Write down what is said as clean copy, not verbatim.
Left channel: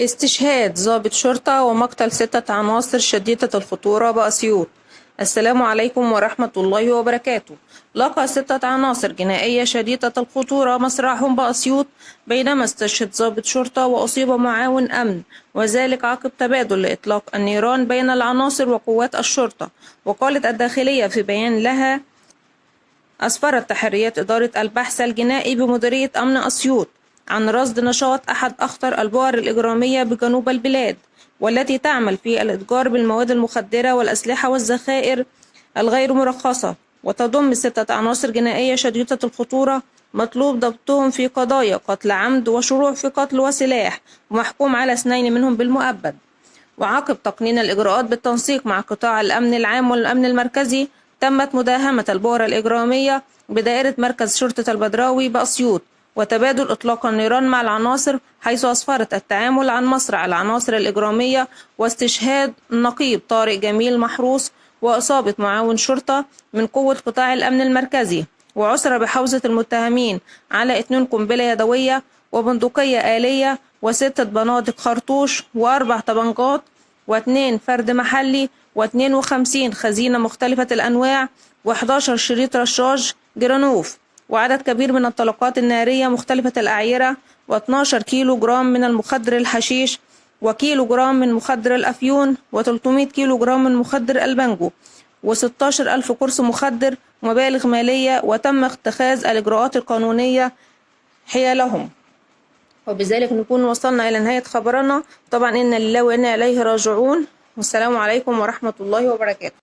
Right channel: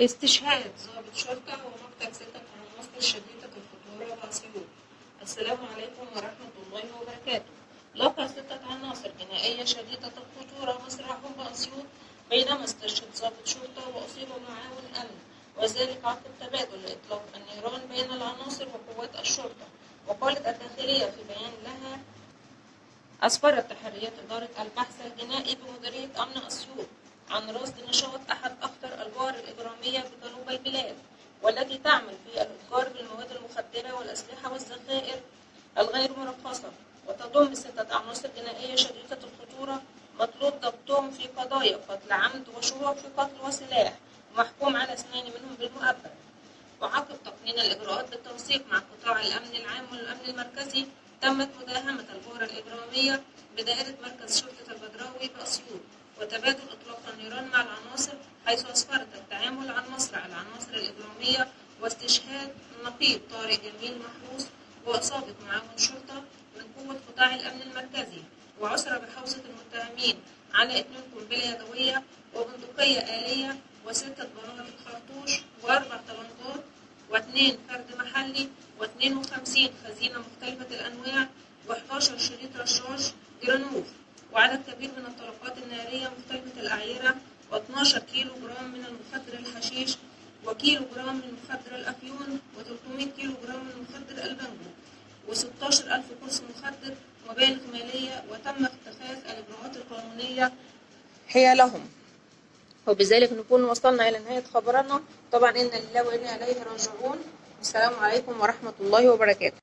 استشهاد ضابط شرطة ومقتل 6 عناصر شديدة الخطورة بأسيوط. السلام عليكم ورحمة الله وبركاته. لقى 6 عناصر جنائية شديدة الخطورة مصرعهم بأسيوط بينما استشهد ضابط شرطة وأصيب معاون أمن، وذلك عقب تبادل لإطلاق النيران بين العناصر وقوات الشرطة. وقالت الداخلية في بيان لها: أسفرت تحريات إدارة البحث الجنائي بمديرية أمن أسيوط عن رصد نشاط أحد أخطر البؤر الإجرامية بجنوب البلاد، والتي تعمل في الإتجار بالمواد المخدرة والأسلحة والذخائر الغير مرخصة، وتضم 6 عناصر جنائية شديدة الخطورة مطلوب ضبطهم في قضايا قتل عمد وشروع في قتل وسلاح، ومحكوم على 2 منهم بالمؤبد. وعقب تقنين الإجراءات بالتنسيق مع قطاع الأمن العام والأمن المركزي، تمت مداهمة البؤرة الإجرامية بدائرة مركز شرطة البدراوي بأسيوط، وتبادل إطلاق النيران مع العناصر، حيث أسفرت التعامل عن مصرع العناصر الإجرامية واستشهاد النقيب طارق جميل محروس وإصابة معاون شرطة من قوة قطاع الأمن المركزي. وعثر بحوزة المتهمين على 2 قنبلة يدوية وبندقية آلية و6 بنادق خرطوش و4 طبنجات و2 فرد محلي و52 خزينة مختلفة الأنواع و11 شريط رشاش جرانوف، وعدد كبير من الطلقات النارية مختلفة الأعيرة، و12 كيلو جرام من المخدر الحشيش، وكيلو جرام من مخدر الأفيون، و300 كيلو جرام من مخدر البنجو، و16 ألف قرص مخدر، ومبالغ مالية، وتم اتخاذ الإجراءات القانونية حيالهم. وبذلك نكون وصلنا إلى نهاية خبرنا. طبعا إنا لله وإنا إليه راجعون، والسلام عليكم ورحمة الله وبركاته.